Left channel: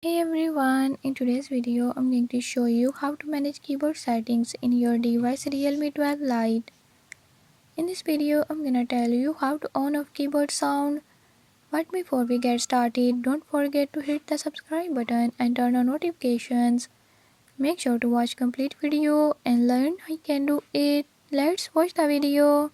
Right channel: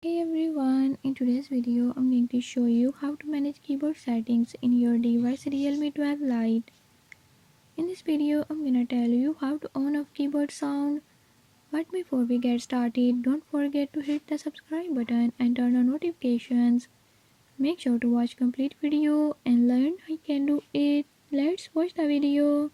Hey everyone, in today's video I'm going to show you how to manage keyboard settings in your device Realme 12 Lite. In this video I'm gonna tell you how to on off keyboard sound. But before we get started, don't forget to hit the subscribe button and turn on notifications. Make sure to watch complete video and learn how you can do it. Let's watch the video.